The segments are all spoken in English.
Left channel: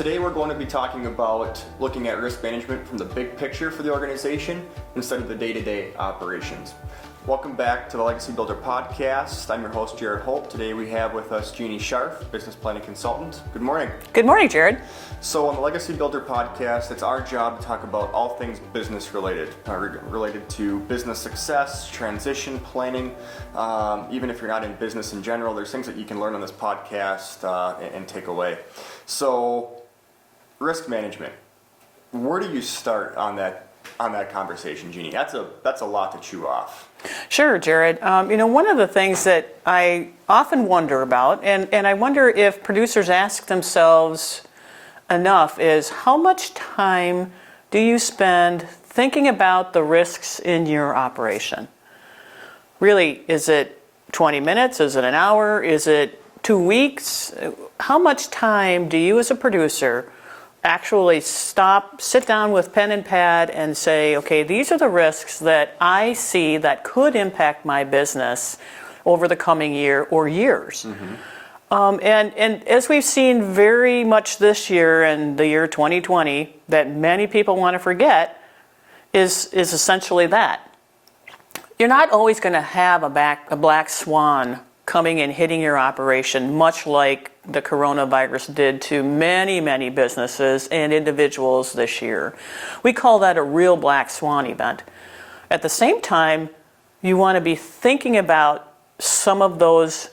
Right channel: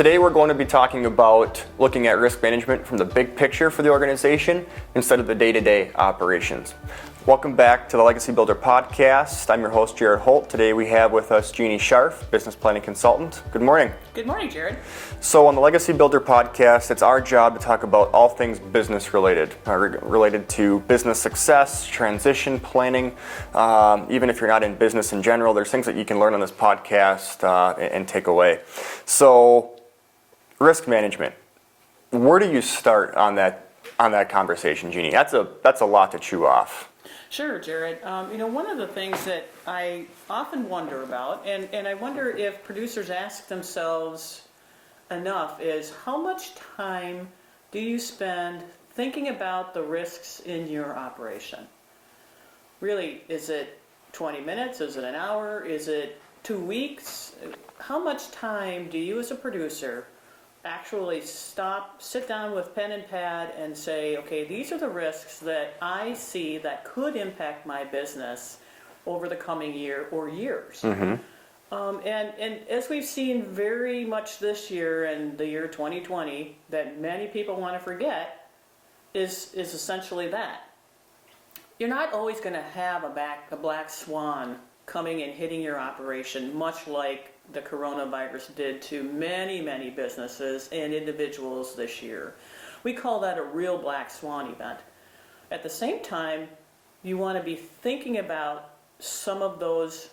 Today we're going to be talking about looking at risk management from the big picture for the organization instead of the day-to-day operations. Welcome back to the Legacy Builder Podcast. I'm your host, Jared Holt. Today we have with us Jeanne Scharf, business planning consultant. Good morning. Good morning, Jared. So on the Legacy Builder Podcast, it's our job to talk about all things business related, related to business success, transition planning. Even if you're not in business in general, there's things that you can learn on this podcast and take away. So risk management, where do you start on that conversation, Jeanne? That's a lot to chew off. Sure, Jared. One of the things that I often wonder about, and I wonder if producers ask themselves enough, is how much time do you spend thinking about the risks in your operation? Really, is it 20 minutes? Is it an hour? Is it 2 weeks? How much time do you as a producer actually sit down with pen and pad and say, okay, these are the risks that I see that could impact my business over the coming year or years. Mm-hmm. And as we've seen very much this year and the year 2020, that many people want to forget is essentially that. You're not always going to have a black swan coming and hitting your operation, much like the coronavirus did to many, many businesses and individuals this year. We call that a real black swan event. At the same time, you want to be thinking about some of those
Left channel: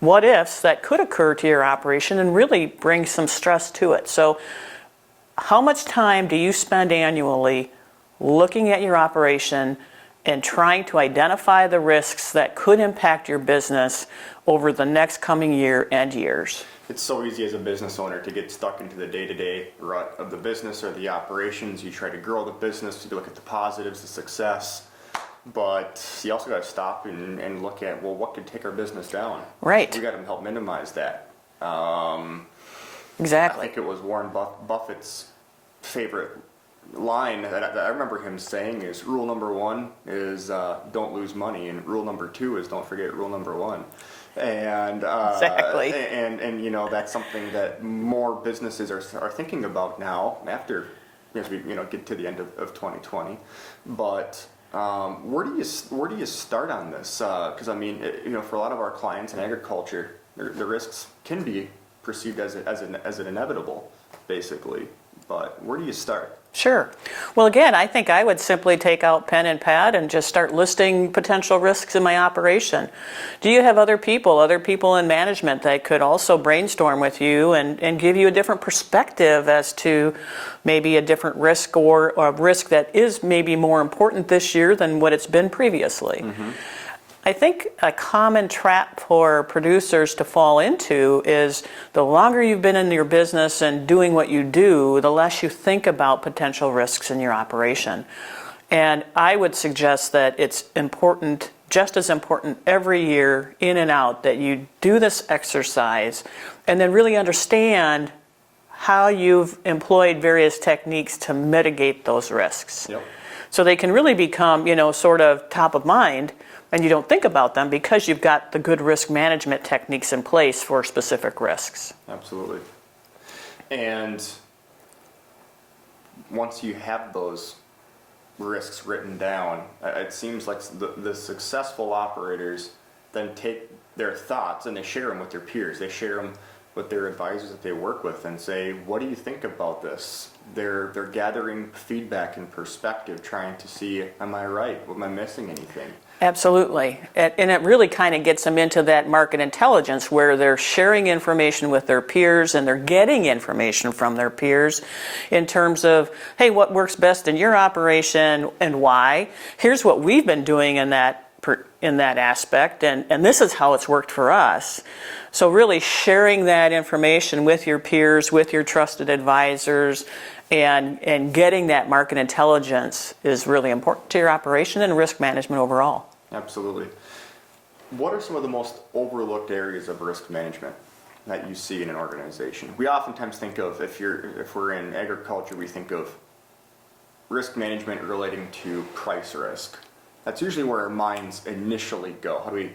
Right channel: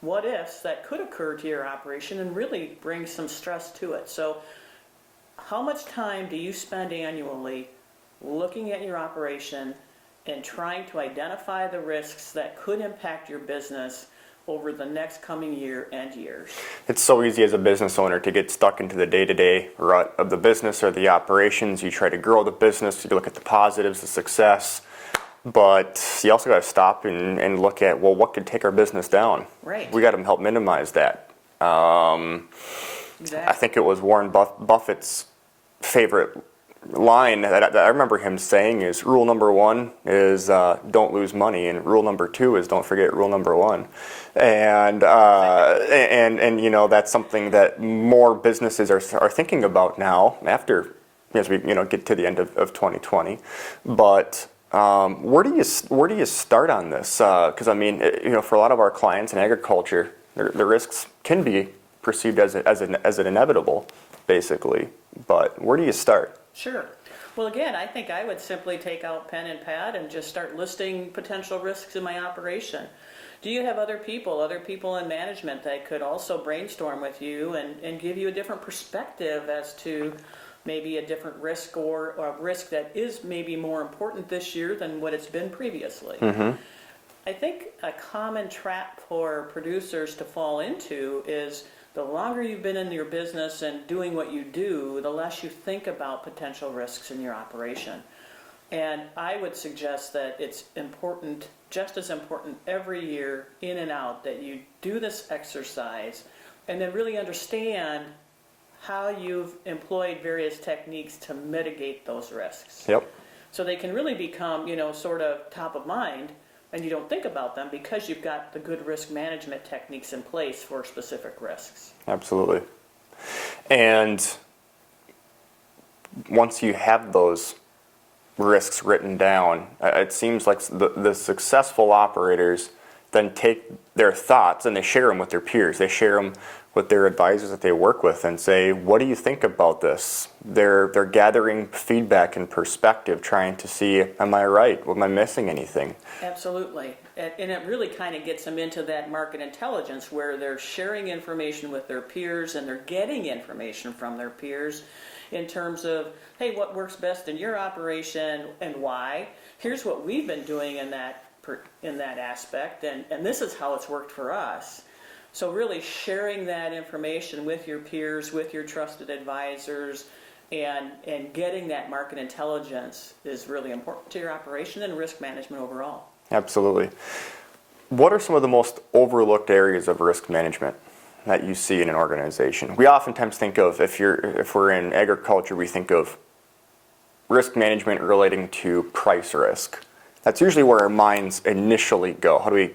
what ifs that could occur to your operation and really bring some stress to it. So how much time do you spend annually looking at your operation and trying to identify the risks that could impact your business over the next coming year and years? It's so easy as a business owner to get stuck into the day-to-day rut of the business or the operations. You try to grow the business, you look at the positives, the success, but you also got to stop and look at, well, what could take our business down? Right. We got to help minimize that. Exactly. I think it was Warren Buffett's favorite line that I remember him saying is, rule number one is don't lose money, and rule number two is don't forget rule number one. And exactly. and that's something that more businesses are thinking about now after, as we get to the end of 2020. But where do you start on this? Because for a lot of our clients in agriculture, the risks can be perceived as an inevitable, basically. But where do you start? Sure. Well, again, I think I would simply take out pen and pad and just start listing potential risks in my operation. Do you have other people in management that could also brainstorm with you and give you a different perspective as to maybe a different risk or a risk that is maybe more important this year than what it's been previously? Mm-hmm. I think a common trap for producers to fall into is the longer you've been in your business and doing what you do, the less you think about potential risks in your operation. And I would suggest that it's important, just as important every year, in and out, that you do this exercise and then really understand how you've employed various techniques to mitigate those risks. Yep. So they can really become, sort of top of mind, and you don't think about them because you've got the good risk management techniques in place for specific risks. Absolutely. And once you have those risks written down, it seems like the successful operators then take their thoughts and they share them with their peers. They share them with their advisors that they work with and say, what do you think about this? They're gathering feedback and perspective, trying to see, am I right? Am I missing anything? Absolutely. And it really kind of gets them into that market intelligence where they're sharing information with their peers and they're getting information from their peers in terms of, hey, what works best in your operation and why? Here's what we've been doing in that aspect, and this is how it's worked for us. So really sharing that information with your peers, with your trusted advisors, and getting that market intelligence is really important to your operation and risk management overall. Absolutely. What are some of the most overlooked areas of risk management that you see in an organization? We oftentimes think of, if we're in agriculture, we think of risk management relating to price risk. That's usually where our minds initially go. How do we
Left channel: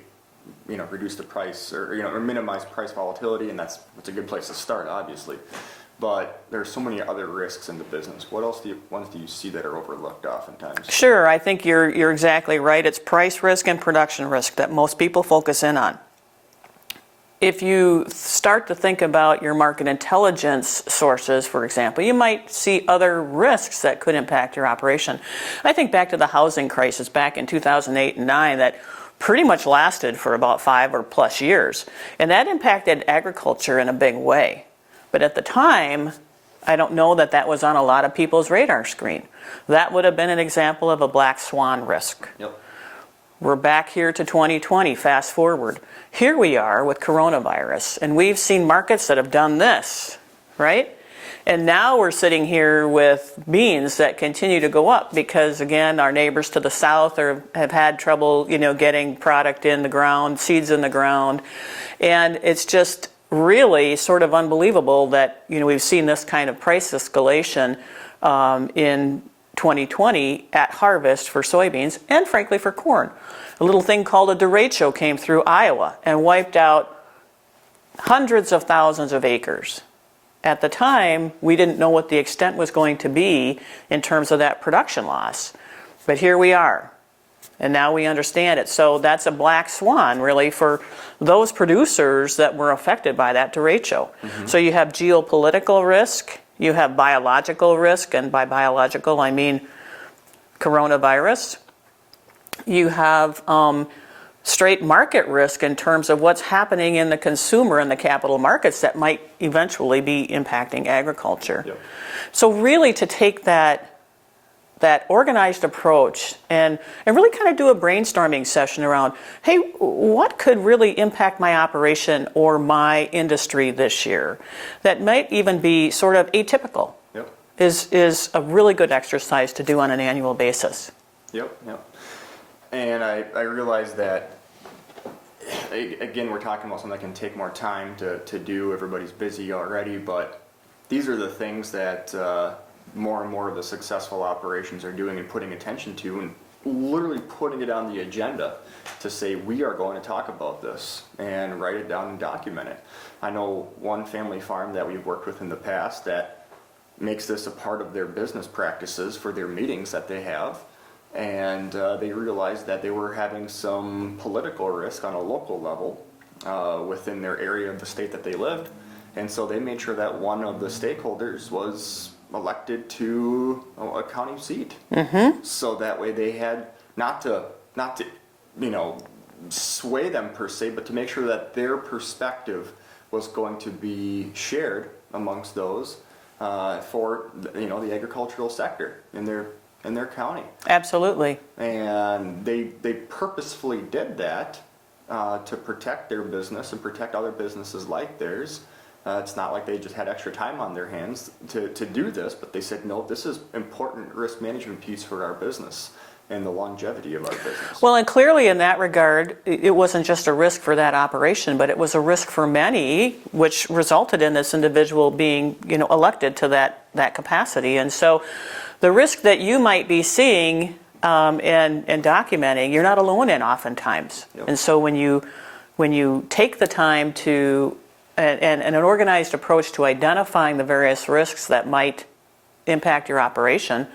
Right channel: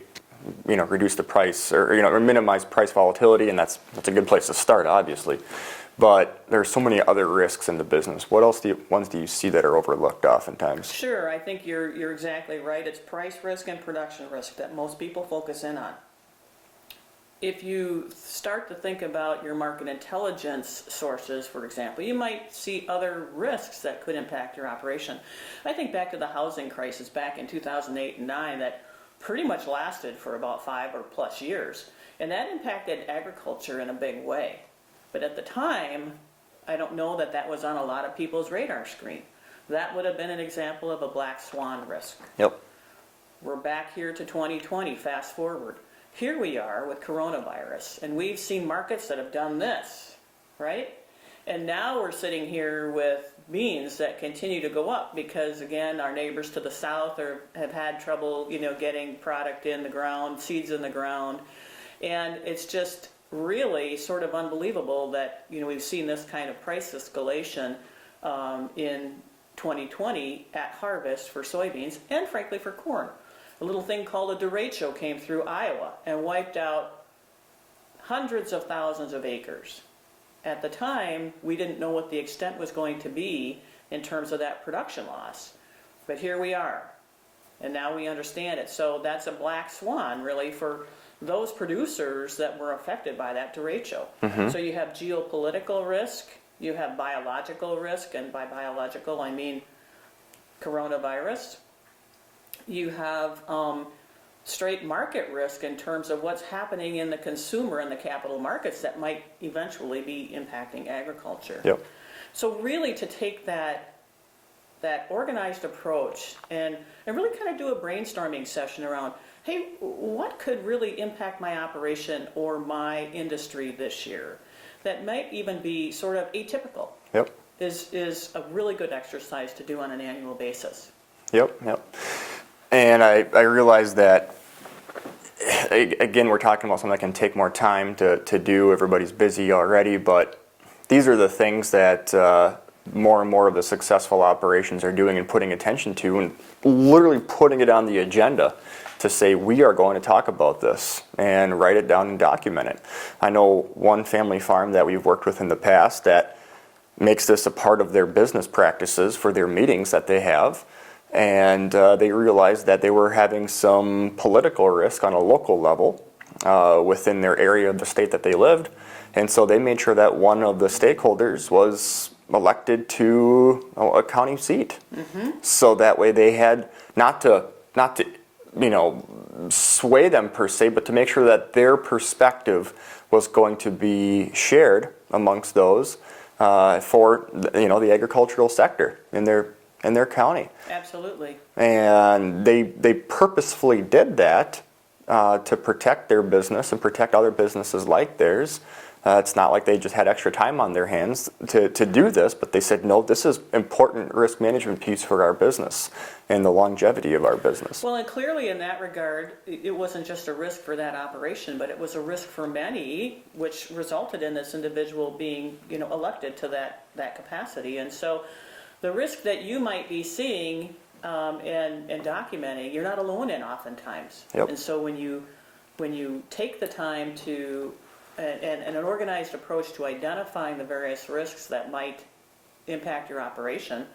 reduce the price or minimize price volatility, and that's a good place to start, obviously. but there's so many other risks in the business. What else ones do you see that are overlooked oftentimes? Sure, I think you're exactly right. It's price risk and production risk that most people focus in on. If you start to think about your market intelligence sources, for example, you might see other risks that could impact your operation. I think back to the housing crisis back in 2008 and 9 that pretty much lasted for about 5 or plus years, and that impacted agriculture in a big way. But at the time, I don't know that that was on a lot of people's radar screen. That would have been an example of a black swan risk. Yep. We're back here to 2020, fast forward. Here we are with coronavirus, and we've seen markets that have done this, right? And now we're sitting here with beans that continue to go up because, again, our neighbors to the south have had trouble, getting product in the ground, seeds in the ground. And it's just really sort of unbelievable that we've seen this kind of price escalation in 2020 at harvest for soybeans and frankly for corn. A little thing called a derecho came through Iowa and wiped out hundreds of thousands of acres. At the time, we didn't know what the extent was going to be in terms of that production loss, but here we are. And now we understand it. So that's a black swan, really, for those producers that were affected by that derecho. Mm-hmm. So you have geopolitical risk, you have biological risk, and by biological I mean coronavirus. You have straight market risk in terms of what's happening in the consumer and the capital markets that might eventually be impacting agriculture. Yep. So really to take that organized approach and really kind of do a brainstorming session around, hey, what could really impact my operation or my industry this year that might even be sort of atypical. Yep. is a really good exercise to do on an annual basis. Yep. And I realize that, again, we're talking about something that can take more time to do. Everybody's busy already, but these are the things that more and more of the successful operations are doing and putting attention to and literally putting it on the agenda to say we are going to talk about this and write it down and document it. I know one family farm that we've worked with in the past that makes this a part of their business practices for their meetings that they have, and they realized that they were having some political risk on a local level within their area of the state that they lived, and so they made sure that one of the stakeholders was elected to a county seat. Mm-hmm. So that way they had not to sway them per se, but to make sure that their perspective was going to be shared amongst those for the agricultural sector in their county. Absolutely. And they purposefully did that to protect their business and protect other businesses like theirs. It's not like they just had extra time on their hands to do this, but they said, no, this is important risk management piece for our business and the longevity of our business. Well, and clearly in that regard, it wasn't just a risk for that operation, but it was a risk for many, which resulted in this individual being, elected to that capacity. And so the risk that you might be seeing and documenting, you're not alone in oftentimes. Yep. And so when you take the time to and an organized approach to identifying the various risks that might impact your operation,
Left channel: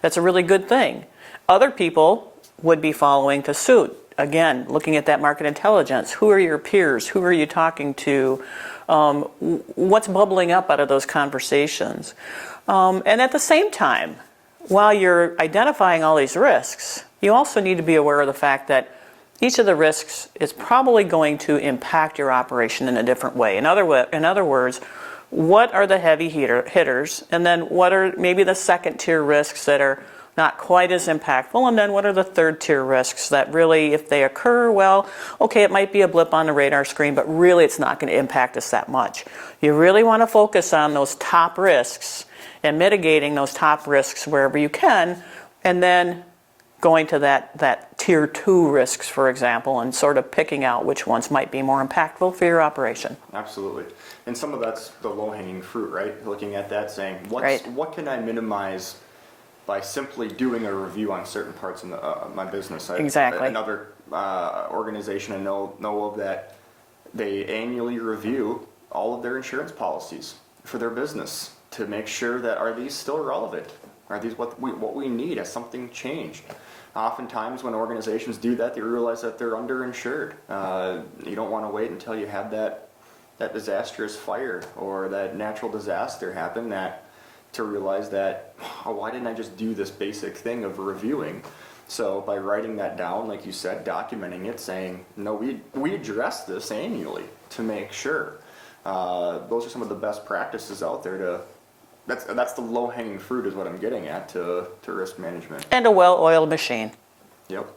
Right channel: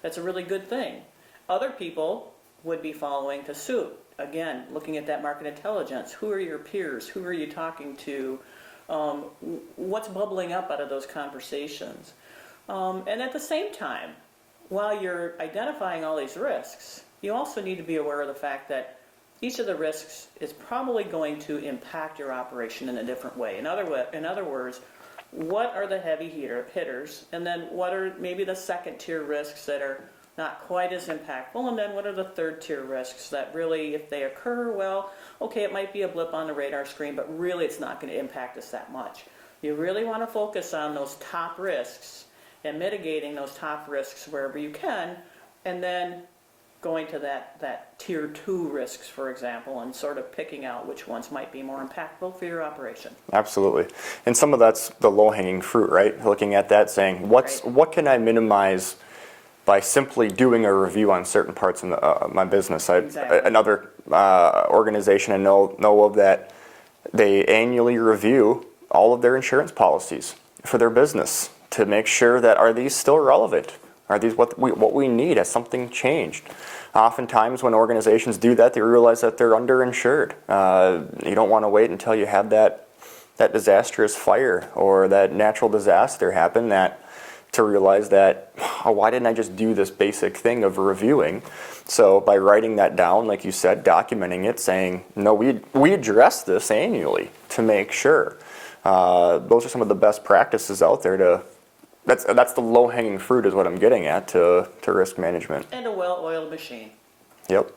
that's a really good thing. Other people would be following to suit. Again, looking at that market intelligence. Who are your peers? Who are you talking to? What's bubbling up out of those conversations? And at the same time, while you're identifying all these risks, you also need to be aware of the fact that each of the risks is probably going to impact your operation in a different way. In other words, what are the heavy hitters, and then what are maybe the second-tier risks that are not quite as impactful, and then what are the third-tier risks that really, if they occur, well, okay, it might be a blip on the radar screen, but really it's not going to impact us that much. You really want to focus on those top risks and mitigating those top risks wherever you can, and then going to that tier 2 risks, for example, and sort of picking out which ones might be more impactful for your operation. Absolutely. And some of that's the low-hanging fruit, right? Looking at that, saying, what can I minimize by simply doing a review on certain parts of my business? Exactly. Another organization I know of that, they annually review all of their insurance policies. for their business to make sure that are these still relevant? Are these what we need? Has something changed? Oftentimes when organizations do that, they realize that they're underinsured. You don't want to wait until you have that disastrous fire or that natural disaster happen to realize that, oh, why didn't I just do this basic thing of reviewing? So by writing that down, like you said, documenting it, saying, no, we address this annually to make sure. Those are some of the best practices out there that's the low-hanging fruit is what I'm getting at to risk management. And a well-oiled machine. Yep.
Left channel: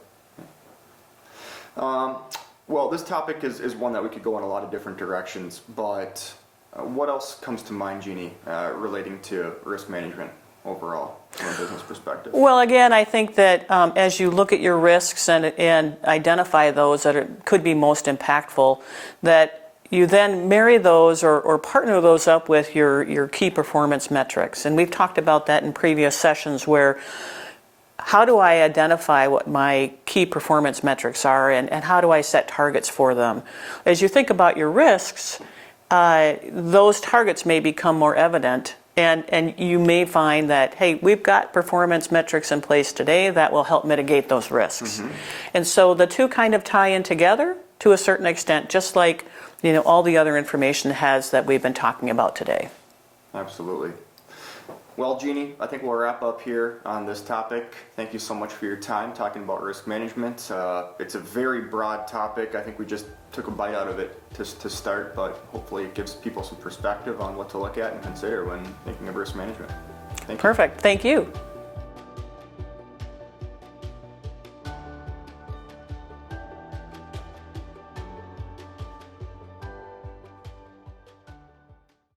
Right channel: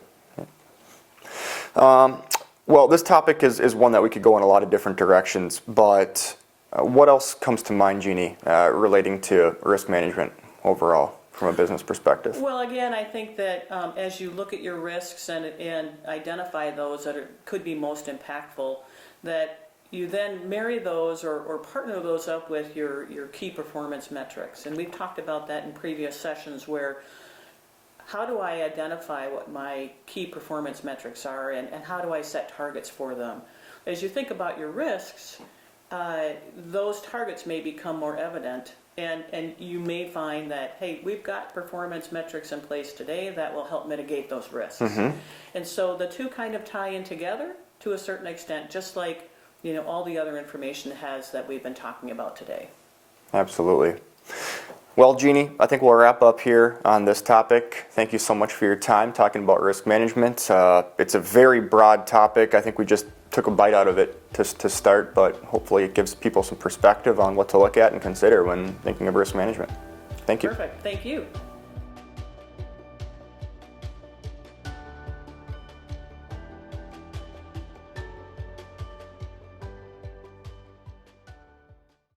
Well, this topic is one that we could go in a lot of different directions, but what else comes to mind, Jeannie, relating to risk management overall from a business perspective? Well, again, I think that as you look at your risks and identify those that could be most impactful, that you then marry those or partner those up with your key performance metrics. And we've talked about that in previous sessions where how do I identify what my key performance metrics are and how do I set targets for them? As you think about your risks, those targets may become more evident and you may find that, hey, we've got performance metrics in place today that will help mitigate those risks. Mm-hmm. And so the two kind of tie in together to a certain extent, just like all the other information has that we've been talking about today. Absolutely. Well, Jeannie, I think we'll wrap up here on this topic. Thank you so much for your time talking about risk management. It's a very broad topic. I think we just took a bite out of it to start, but hopefully it gives people some perspective on what to look at and consider when thinking of risk management. Thank you. Perfect. Thank you.